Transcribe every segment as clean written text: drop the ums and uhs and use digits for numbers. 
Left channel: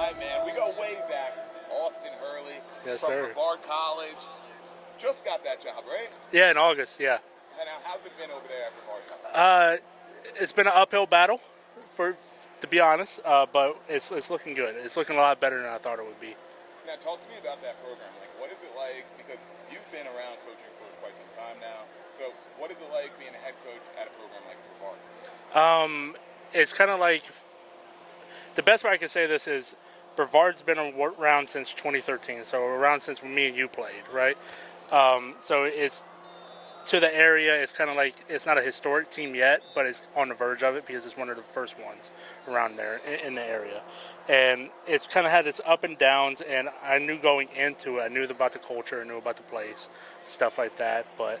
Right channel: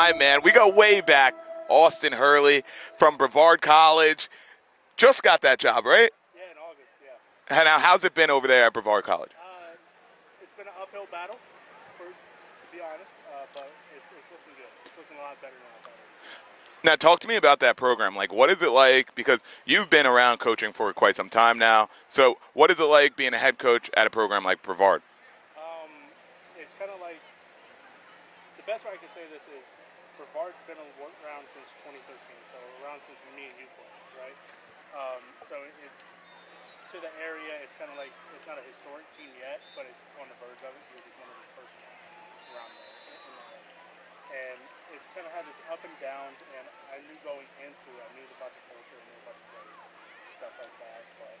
my man. We go way back. Austin Hurley from Brevard College. Just got that job, right? Yeah, in August, yeah. And now, how's it been over there at Brevard College? It's been an uphill battle, to be honest, but it's looking good. It's looking a lot better than I thought it would be. Now, talk to me about that program. Like, what is it like? Because you've been around coaching for quite some time now. So what is it like being a head coach at a program like Brevard? It's kind of like, the best way I can say this is Brevard's been around since 2013, so around since me and you played, right? So it's to the area. It's kind of like, it's not a historic team yet, but it's on the verge of it because it's one of the first ones around there in the area. And it's kind of had its up and downs, and I knew going into it, I knew about the culture, I knew about the place, stuff like that, but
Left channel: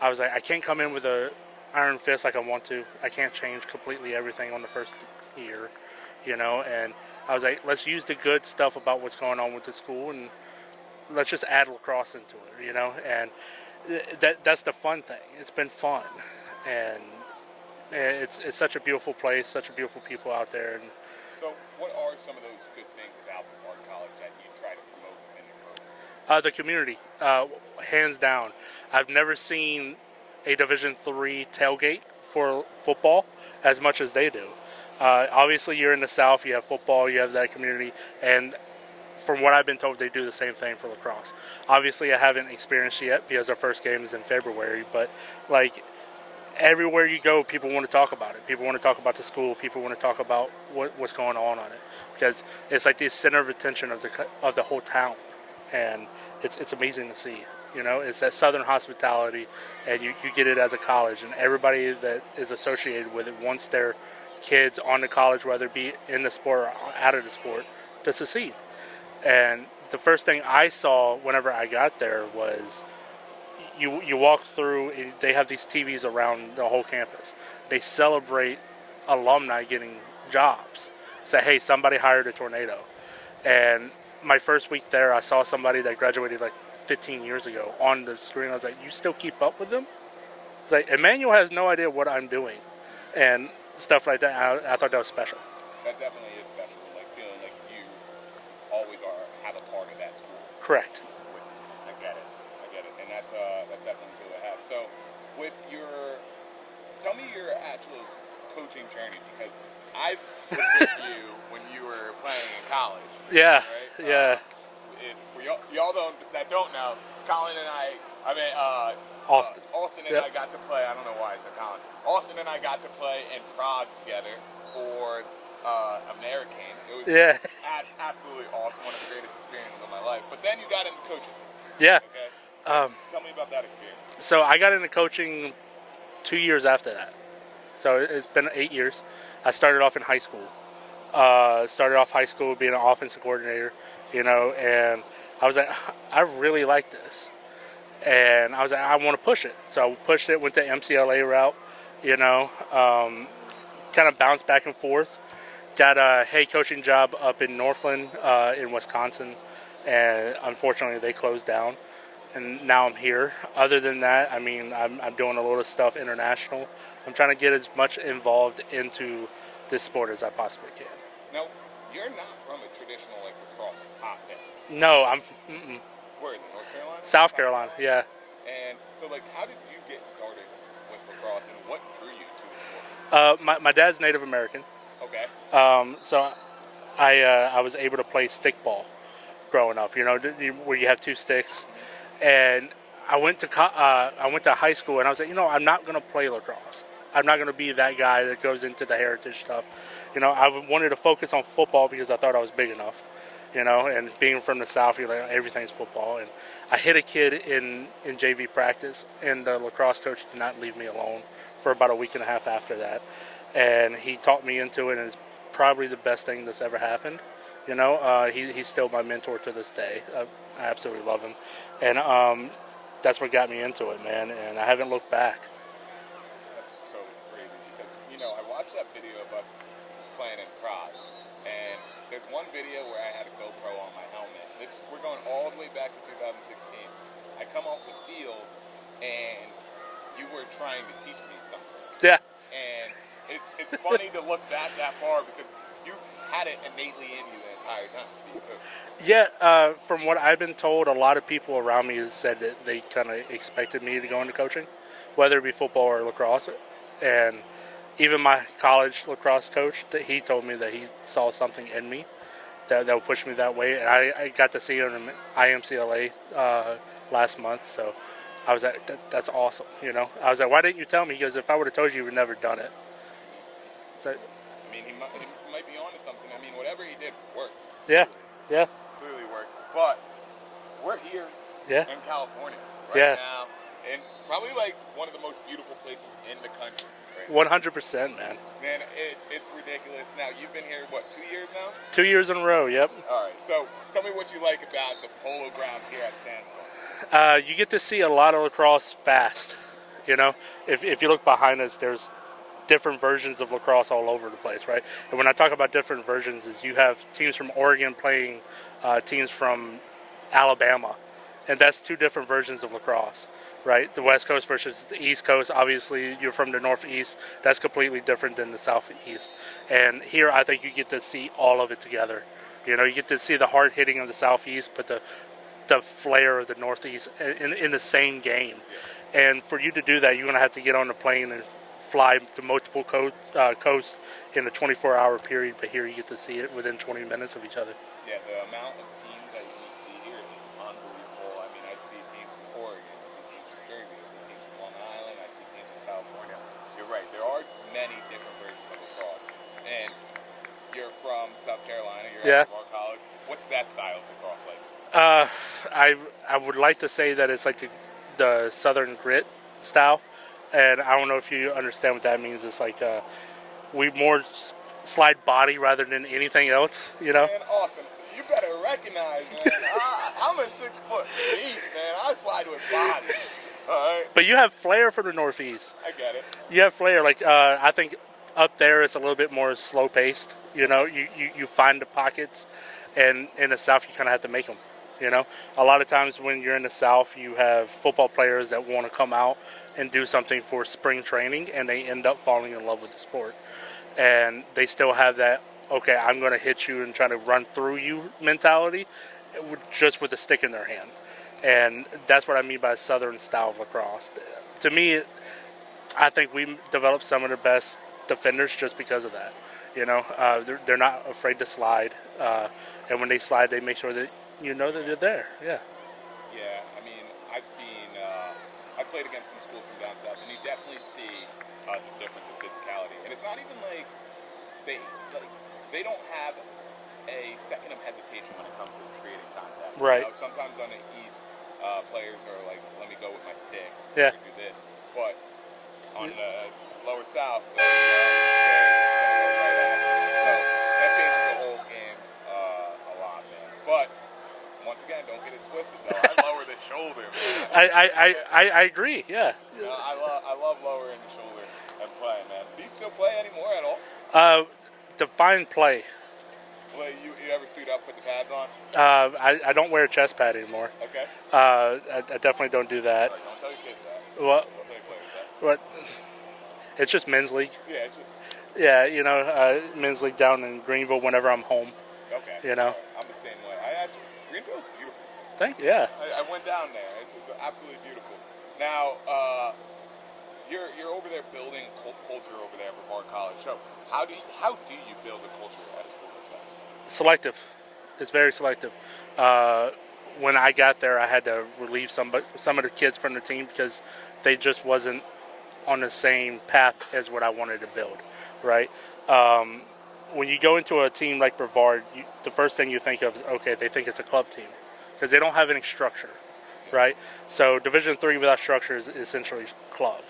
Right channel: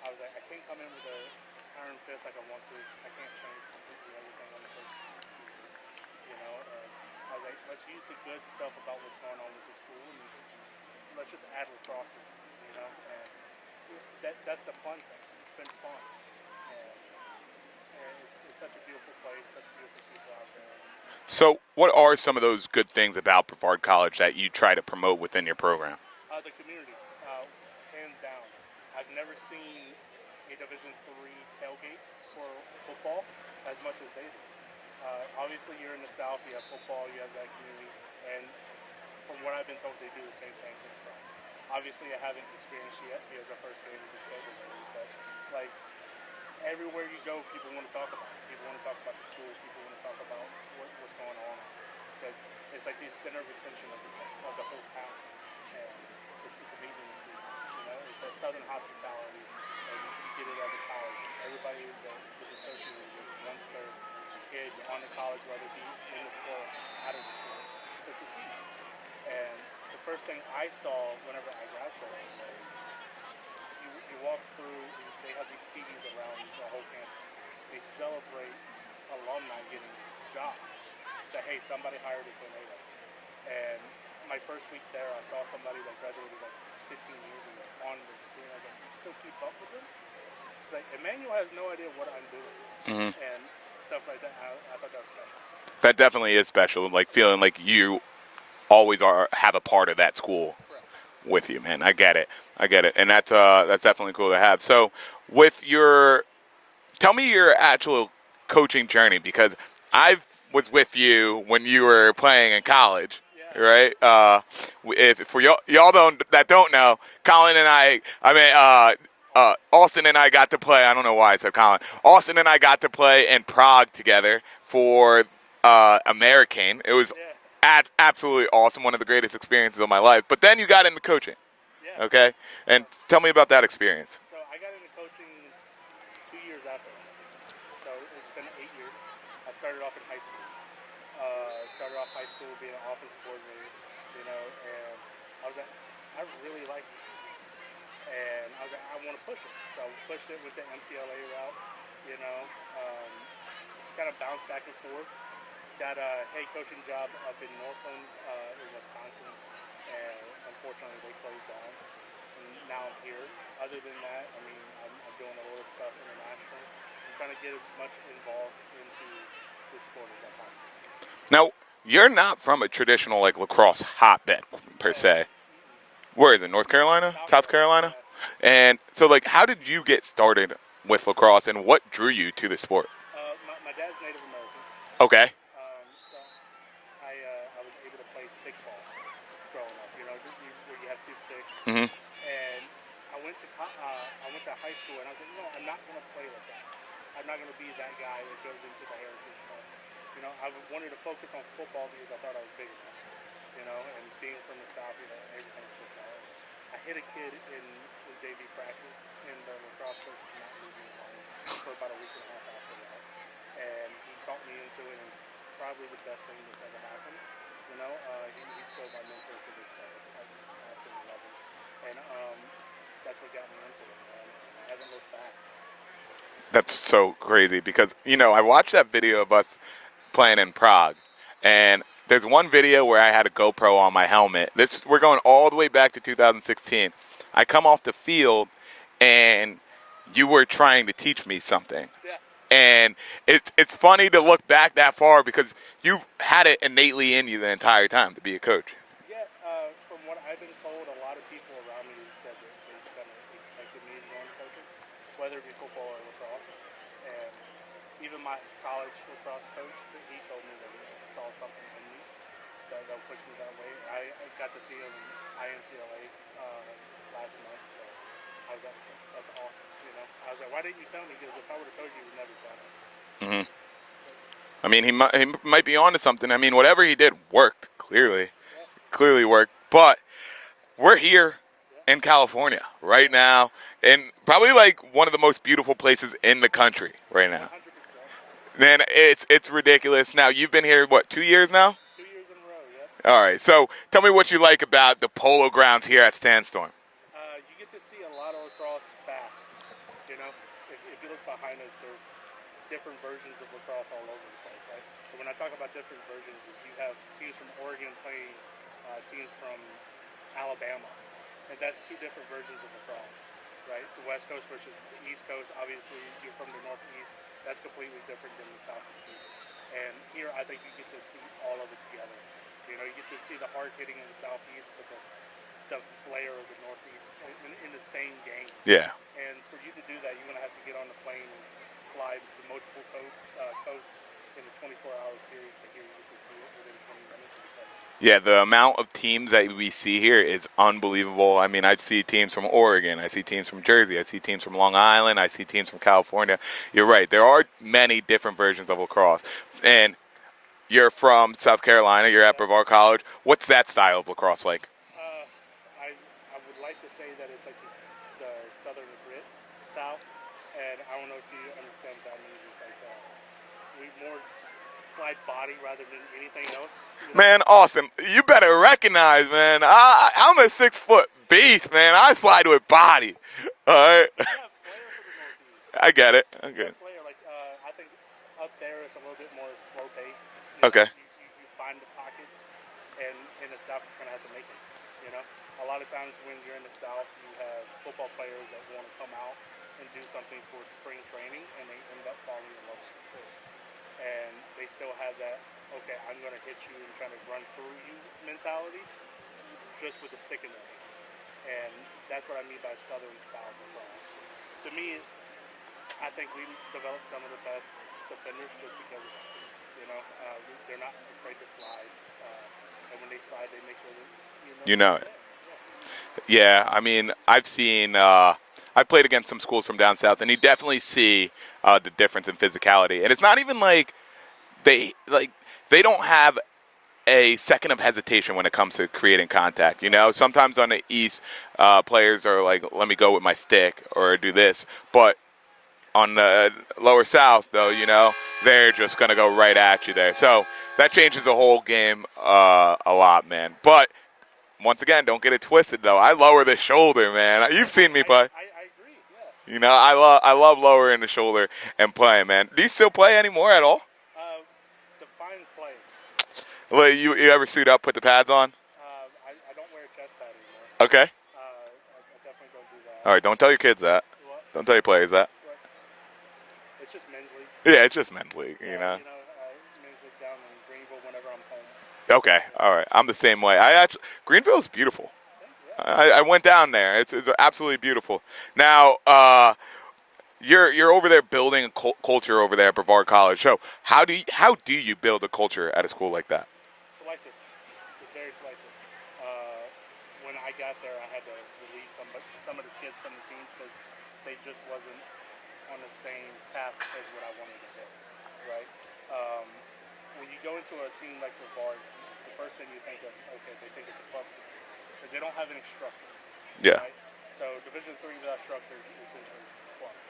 I was like, I can't come in with a iron fist like I want to. I can't change completely everything on the first year, you know, and I was like, let's use the good stuff about what's going on with the school, and let's just add lacrosse into it, you know, and that's the fun thing. It's been fun, and it's such a beautiful place, such beautiful people out there. And so what are some of those good things about Brevard College that you try to promote within your program? The community, hands down. I've never seen a Division III tailgate for football as much as they do. Obviously, you're in the South, you have football, you have that community, and from what I've been told, they do the same thing for lacrosse. Obviously, I haven't experienced it yet because our first game is in February, but like everywhere you go, people want to talk about it. People want to talk about the school. People want to talk about what's going on it, because it's like the center of attention of the whole town, and it's amazing to see. You know, it's that Southern hospitality, and you get it as a college, and everybody that is associated with it wants their kids on the college, whether it be in the sport or out of the sport, to succeed. And the first thing I saw whenever I got there was you walk through, they have these TVs around the whole campus. They celebrate alumni getting jobs. Say, hey, somebody hired a tornado. And my first week there, I saw somebody that graduated like 15 years ago on the screen. I was like, you still keep up with them? It's like, Emmanuel has no idea what I'm doing. Mm-hmm. And stuff like that. I thought that was special. That definitely is special, like feeling like you always have a part of that school. Correct. With you, man. I get it, and that's definitely cool to have. So, tell me your actual coaching journey, because I was with you when you were playing in college. Yeah. Right. Yeah. If for y'all don't know, Colin and Austin and I got to play. I don't know why I said Colin. Austin and I got to play in Prague together for American. It was absolutely awesome. One of the greatest experiences of my life. But then you got into coaching. Yeah. Okay. And tell me about that experience. So I got into coaching 2 years after that. So it's been 8 years. I started off in high school. Started off high school being an offensive coordinator, you know, and I was like, I really like this. And I was like, I want to push it. So I pushed it, went the MCLA route, you know, kind of bounced back and forth. Got a head coaching job up in Northland in Wisconsin, and unfortunately they closed down, and now I'm here. Other than that, I mean, I'm doing a lot of stuff international. I'm trying to get as much involved into this sport as I possibly can. Now, you're not from a traditional like lacrosse hotbed, per se. Where is it, North Carolina? South Carolina? Yeah. And so, like, how did you get started with lacrosse, and what drew you to the sport? My dad's Native American. Okay. So I was able to play stickball growing up, you know, where you have two sticks. Mm-hmm. And I went to high school, and I was like, you know, I'm not going to play lacrosse. I'm not going to be that guy that goes into the heritage stuff. You know, I wanted to focus on football because I thought I was big enough, you know, and being from the South, you're like, everything's football. And I hit a kid in JV practice, and the lacrosse coach did not leave me alone for about a week and a half after that. And he taught me into it, and it's probably the best thing that's ever happened. You know, he's still my mentor to this day. I absolutely love him. And that's what got me into it, man, and I haven't looked back. That's so crazy because, you know, I watched that video of us playing in Prague, and there's one video where I had a GoPro on my helmet. We're going all the way back to 2016. I come off the field, and you were trying to teach me something. Yeah. And it's funny to look back that far because you've had it innately in you the entire time to be a coach. Yeah, from what I've been told, a lot of people around me have said that they kind of expected me to go into coaching, whether it be football or lacrosse. And even my college lacrosse coach, that he told me that he saw something in me that would push me that way. And I got to see him in IMCLA last month, so I was like, that's awesome, you know. I was like, why didn't you tell me? Because if I would have told you would never done it. Mm-hmm. So, I mean, he might be onto something. I mean, whatever he did worked, clearly. Yeah. Clearly worked. But we're here Yeah. in California right now, and probably like one of the most beautiful places in the country right now. 100%, man. Man, it's ridiculous. Now, you've been here, what, 2 years now? 2 years in a row, yep. All right, so tell me what you like about the polo grounds here at Sandstorm. You get to see a lot of lacrosse fast. You know, if you look behind us, there's different versions of lacrosse all over the place, right? And when I talk about different versions, is you have teams from Oregon playing teams from Alabama, and that's two different versions of lacrosse, right? The West Coast versus the East Coast. Obviously, you're from the Northeast. That's completely different than the Southeast. And here, I think you get to see all of it together. You know, you get to see the hard hitting of the Southeast, but the flair of the Northeast in the same game. Yeah. And for you to do that, you're going to have to get on the plane and fly to multiple coasts in a 24-hour period, but here you get to see it within 20 minutes of each other. Yeah, the amount of teams that we see here is unbelievable. I mean, I see teams from Oregon, I see teams from Jersey, I see teams from Long Island, I see teams from California. You're right, there are many different versions of lacrosse. And you're from South Carolina, you're at Brevard College. What's that style of lacrosse like? I would like to say that it's like the Southern grit style. And I don't know if you understand what that means. It's like we more slide body rather than anything else. You know? Man, Austin, you better recognize, man. I'm a 6-foot beast, man. I slide with body. All right. But you have flair for the Northeast. I get it. You have flair. Like I think up there it's a little bit more slow paced. You know, you find the pockets, and in the South you kind of have to make them. You know, a lot of times when you're in the South, you have football players that want to come out and do something for spring training, and they end up falling in love with the sport. And they still have that, okay, I'm going to hit you and try to run through you mentality, just with a stick in their hand. And that's what I mean by Southern style of lacrosse. To me, I think we developed some of the best defenders just because of that. You know, they're not afraid to slide, and when they slide, they make sure that they're there. Yeah. Yeah, I mean, I've seen. I played against some schools from down south, and you definitely see the difference in physicality. And it's not even like they don't have a second of hesitation when it comes to creating contact. You know, sometimes on the East, players are like, "Let me go with my stick" or do this. But on the lower South, though, you know, they're just gonna go right at you there. So that changes the whole game a lot, man. But once again, don't get it twisted, though. I lower the shoulder, man. You've seen me play. I agree, yeah. You know, I love lowering the shoulder and playing, man. Do you still play anymore at all? Define play. Well, you ever suit up, put the pads on? I don't wear a chest pad anymore. Okay. I definitely don't do that. All right, don't tell your kids that. What? Don't tell your players that. What? It's just men's league. Yeah, it's just men's league. Yeah, you know, men's league down in Greenville whenever I'm home. Okay, you know? All right. I'm the same way. Greenville is beautiful. Thank you. Yeah. I went down there. It's absolutely beautiful. Now, you're over there building a culture over there at Brevard College. So how do you build a culture at a school like that? Selective. It's very selective. When I got there, I had to relieve some of the kids from the team because they just wasn't on the same path as what I wanted to build, right? When you go into a team like Brevard, the first thing you think of is, okay, they think it's a club team because they don't have any structure, right? So Division III without structure is essentially club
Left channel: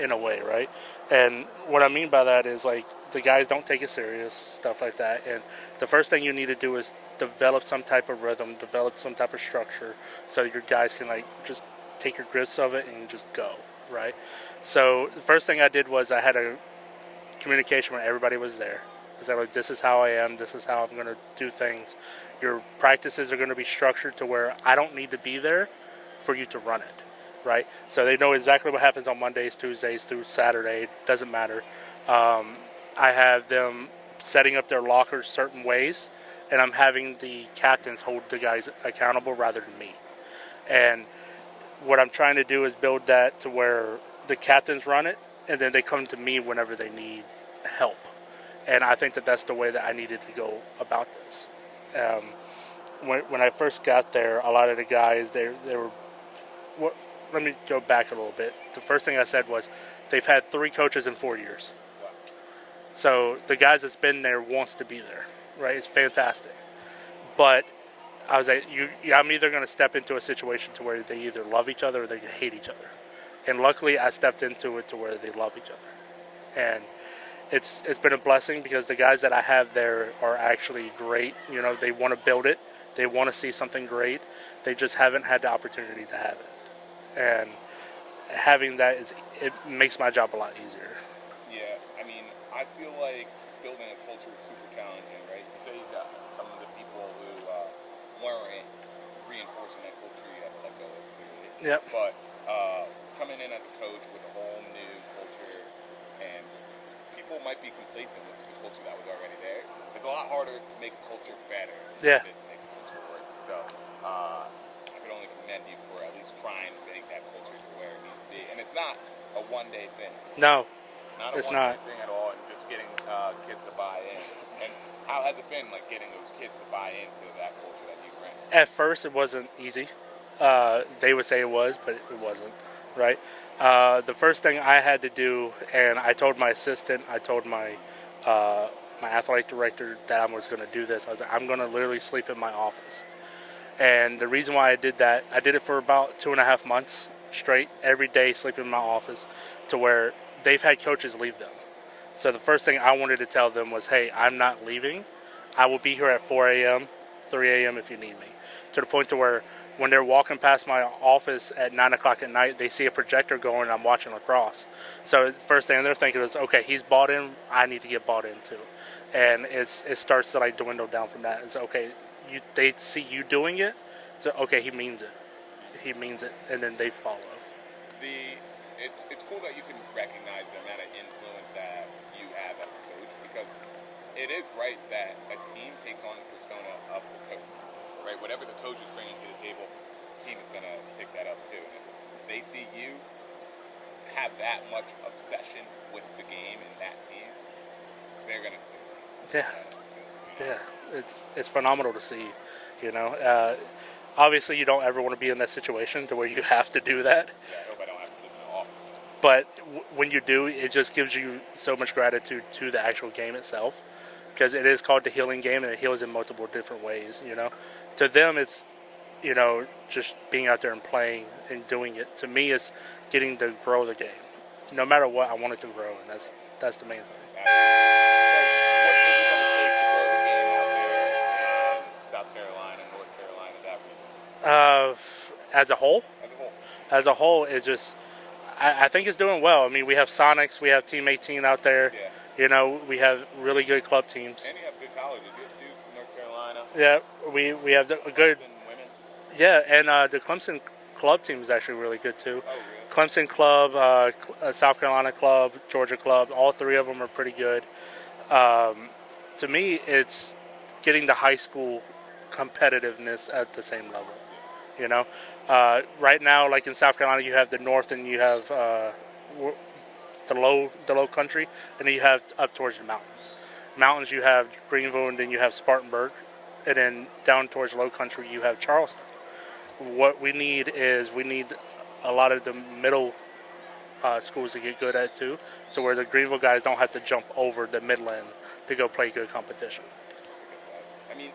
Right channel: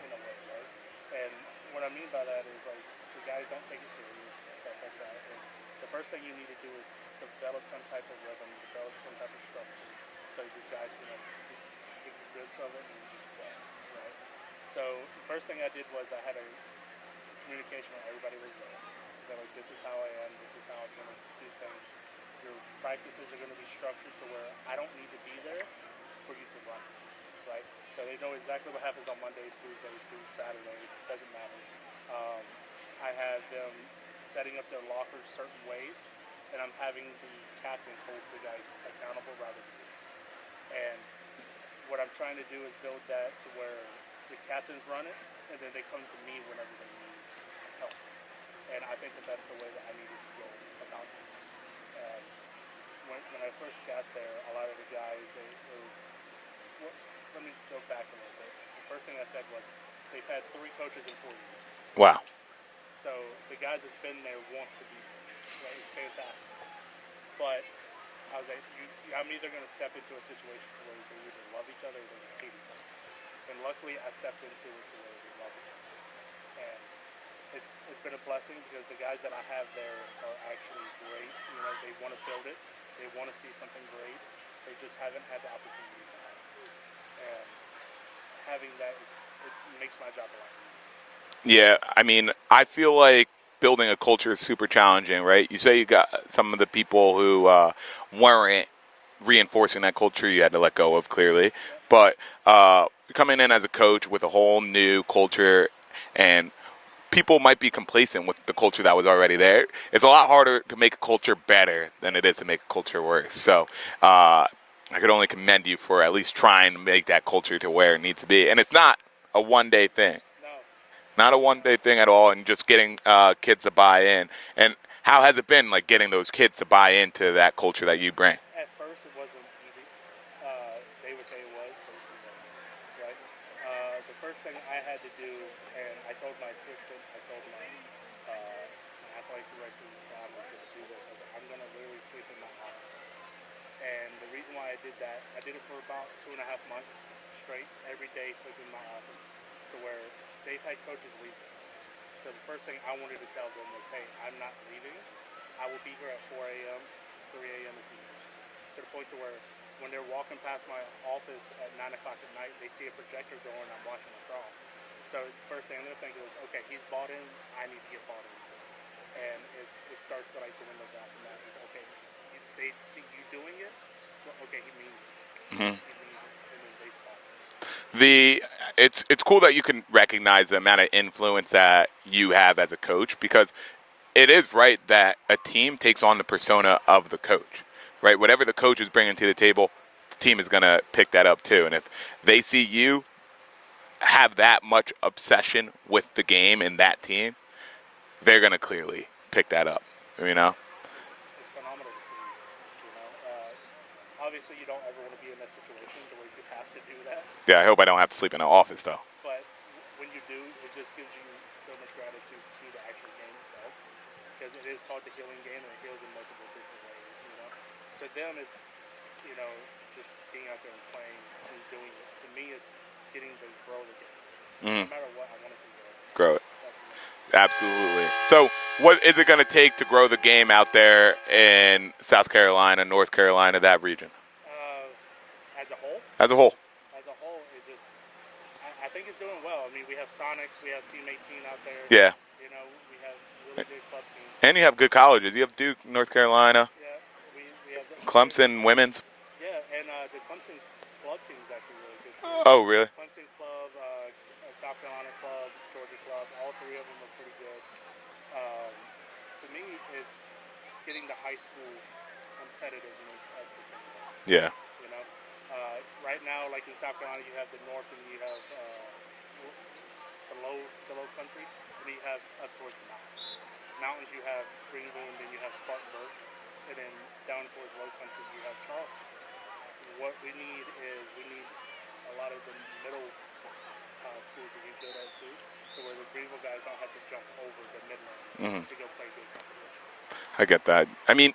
in a way, right? And what I mean by that is, like, the guys don't take it serious, stuff like that. And the first thing you need to do is develop some type of rhythm, develop some type of structure so your guys can, like, just take your grips of it and just go, right? So the first thing I did was I had a communication when everybody was there. Because I'm like, this is how I am, this is how I'm going to do things. Your practices are going to be structured to where I don't need to be there for you to run it. right? So they know exactly what happens on Mondays, Tuesdays through Saturday. Doesn't matter. I have them setting up their lockers certain ways, and I'm having the captains hold the guys accountable rather than me. And what I'm trying to do is build that to where the captains run it, and then they come to me whenever they need help. And I think that that's the way that I needed to go about this. When I first got there, a lot of the guys, they were... let me go back a little bit. The first thing I said was, they've had 3 coaches in 4 years. Wow. So the guys that's been there wants to be there, right? It's fantastic. But I was like, I'm either going to step into a situation to where they either love each other or they hate each other. And luckily, I stepped into it to where they love each other. And it's been a blessing because the guys that I have there are actually great. You know, they want to build it. They want to see something great. They just haven't had the opportunity to have it. And having that it makes my job a lot easier. Yeah, I mean, I feel like building a culture is super challenging, right? You say you got some of the people who weren't reinforcing that culture you had to let go of, clearly. Yep. But coming in as a coach with a whole new culture, and people might be complacent with the culture that was already there. It's a lot harder to make a culture better than it is to make a culture worse. So I could only commend you for at least trying to make that culture to where it needs to be. And it's not a one-day thing. No. Not a one-day thing at all, and just getting kids to buy in. And how has it been, like, getting those kids to buy into that culture that you bring? At first, it wasn't easy. They would say it was, but it wasn't, right? The first thing I had to do, and I told my assistant, I told my athletic director that I was going to do this. I was like, I'm going to literally sleep in my office. And the reason why I did that, I did it for about 2.5 months straight, every day sleeping in my office, to where they've had coaches leave them. So the first thing I wanted to tell them was, hey, I'm not leaving. I will be here at 4 a.m., 3 a.m. if you need me. To the point to where when they're walking past my office at 9 o'clock at night, they see a projector going and I'm watching lacrosse. So the first thing they're thinking is, okay, he's bought in, I need to get bought in too. And it starts to like dwindle down from that. It's okay, they see you doing it, so okay, he means it. Mm-hmm. He means it, and then they follow. It's cool that you can recognize the amount of influence that you have as a coach, because it is right that a team takes on the persona of the coach, right? Whatever the coach is bringing to the table, the team is going to pick that up too. And if they see you have that much obsession with the game and that team, they're going to clearly pick that up, you know? Yeah. It's phenomenal to see, you know? Obviously, you don't ever want to be in that situation to where you have to do that. Yeah, I hope I don't have to sleep in an office, though. But when you do, it just gives you so much gratitude to the actual game itself, because it is called the healing game, and it heals in multiple different ways, you know. To them, it's, you know, just being out there and playing and doing it. To me, it's getting to grow the game. No matter what, I want it to grow, and that's the main thing. Absolutely. So what is it going to take to grow the game out there in South Carolina, North Carolina, that region? As a whole? As a whole. As a whole, it's just, I think it's doing well. I mean, we have Sonics, we have Team 18 out there. Yeah. You know, we have really good club teams. And you have good colleges. You have Duke, North Carolina. Yeah, we have the Clemson women's. Yeah, and the Clemson club team is actually really good too. Oh, really? Clemson club, South Carolina club, Georgia club, all 3 of them are pretty good. To me, it's getting the high school competitiveness at the same level. Yeah. You know, right now, like in South Carolina, you have the North and you have the low country, and then you have up towards the mountains. Mountains, you have Greenville, and then you have Spartanburg, and then down towards low country, you have Charleston. What we need is a lot of the middle schools to get good at too, to where the Greenville guys don't have to jump over the Midland to go play good competition. I get that. I mean,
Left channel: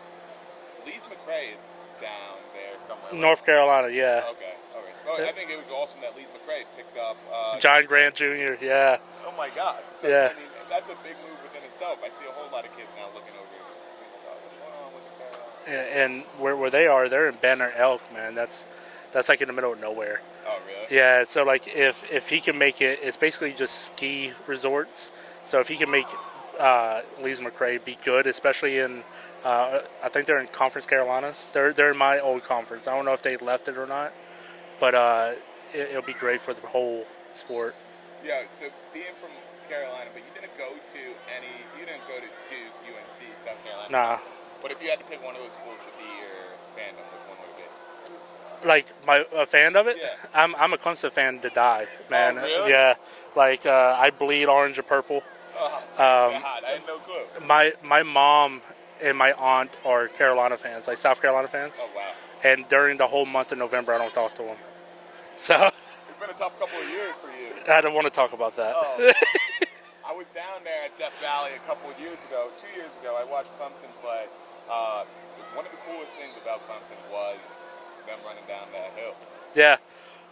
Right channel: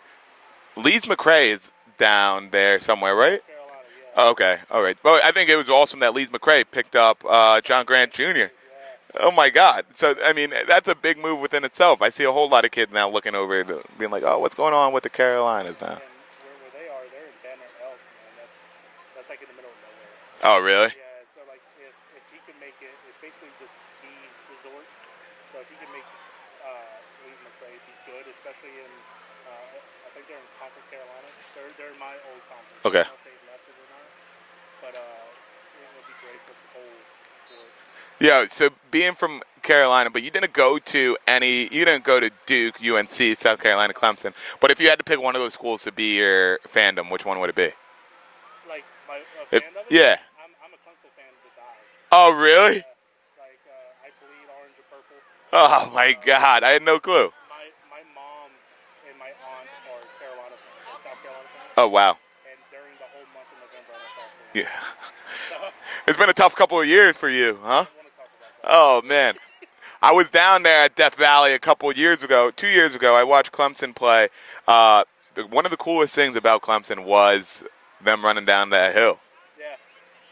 Leeds McRae is down there somewhere, right? North Carolina, yeah. Oh, okay, all right. But I think it was awesome that Leeds McRae picked up John Grant Jr. Yeah. Oh my God. So yeah. I mean, that's a big move within itself. I see a whole lot of kids now looking over, being like, "Oh, what's going on with the Carolinas?" Yeah, and where they are, they're in Banner Elk, man. That's like in the middle of nowhere. Oh, really? Yeah. So like, if he can make it, it's basically just ski resorts. So if he can make Leeds McRae be good, especially in I think they're in Conference Carolinas. They're in my old conference. Okay. I don't know if they left it or not, but it'll be great for the whole sport. Yeah, so being from Carolina, but you didn't go to Duke, UNC, South Carolina, Nah. Clemson. But if you had to pick one of those schools to be your fandom, which one would it be? Like a fan of it? Yeah. I'm a Clemson fan to die. Oh, man. really? Yeah. Like I bleed orange and purple. Oh, my God. I had no clue. My mom and my aunt are Carolina fans, like South Carolina fans. Oh, wow. And during the whole month of November, I don't talk to them. Yeah. So It's been a tough couple of years for you, I huh? don't want to talk about that. Oh, man. I was down there at Death Valley a couple of years ago. 2 years ago, I watched Clemson play. One of the coolest things about Clemson was them running down that hill. Yeah.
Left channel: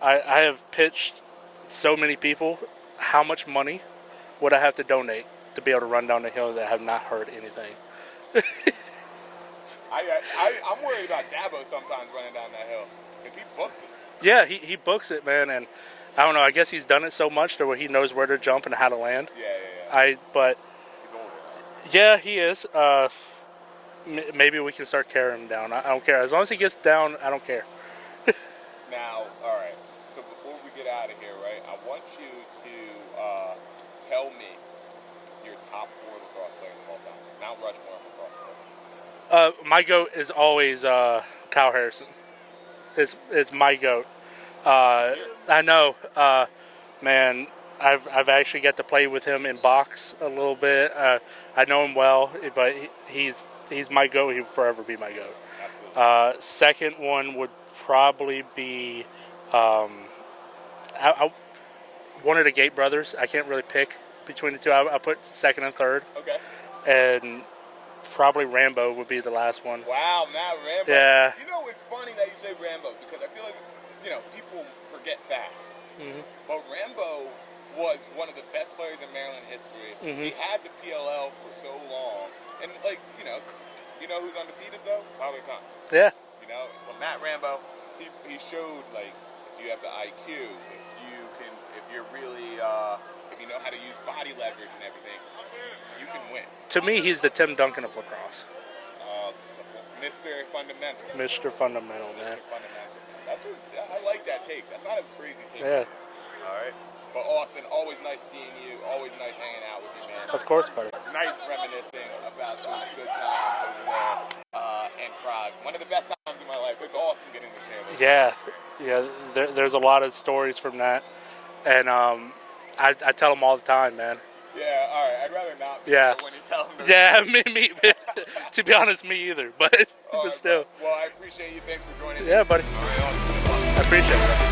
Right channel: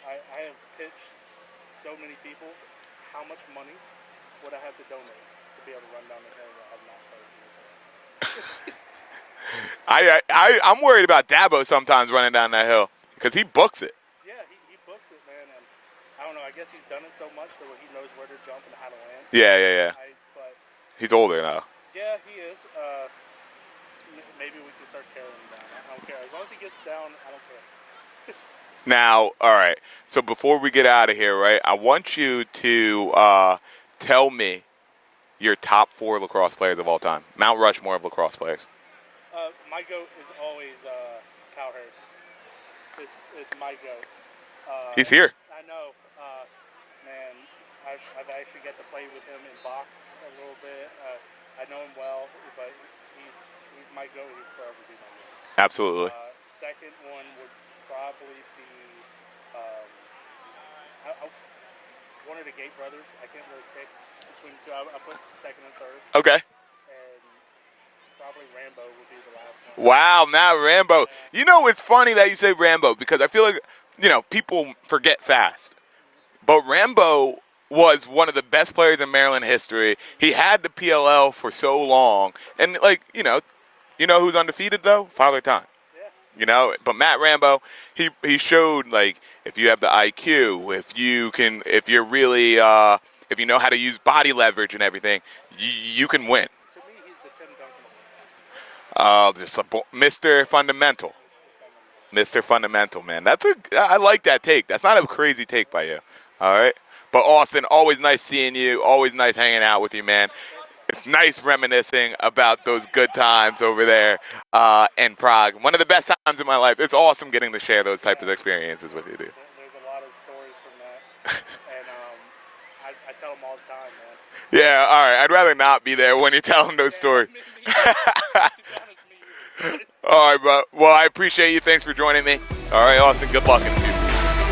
I have pitched so many people how much money would I have to donate to be able to run down the hill that have not heard anything. I'm worried about Dabo sometimes running down that hill because he books it. Yeah, he books it, man, and I don't know. I guess he's done it so much to where he knows where to jump and how to land. Yeah. But He's older now. yeah, he is. Maybe we can start carrying him down. I don't care. As long as he gets down, I don't care. Now, all right. So before we get out of here, right, I want you to tell me your top 4 lacrosse players of all time. Mount Rushmore of lacrosse players. My goat is always Kyle Harrison. It's my goat. He's here. I know, man. I've actually got to play with him in box a little bit. I know him well, but he's my goat. He'll forever be my goat. Absolutely. Second one would probably be one of the Gate brothers. I can't really pick between the two. I put second and third. Okay. And probably Rambo would be the last one. Wow, now Rambo. Yeah. You know, it's funny that you say Rambo because I feel like, people forget fast. Mm-hmm. But Rambo was one of the best players in Maryland history. Mm-hmm. He had the PLL for so long. And, who's undefeated, though? Father Time. Yeah. But Matt Rambo, he showed, if you have the IQ, if you're really, if you know how to use body leverage and everything, you can win. To me, he's the Tim Duncan of lacrosse. Just Mr. Fundamental. Mr. Fundamental. Mr. Fundamental, man. I like that take. That's not a crazy take by you. All right? But Austin, always nice seeing you. Always nice hanging out with you, man. Of course, buddy. It's nice reminiscing about those good times over there in Prague. One of the best times in my life. It's awesome getting to share those type of experiences with you, dude. There's a lot of stories from that. And I tell them all the time, man. Yeah, all right. I'd rather not be there when you tell them those stories. Me to be honest, me either. But all right, bro. Well, I appreciate you. Thanks for joining me. Yeah, buddy. All right, Austin. Good luck. I appreciate it.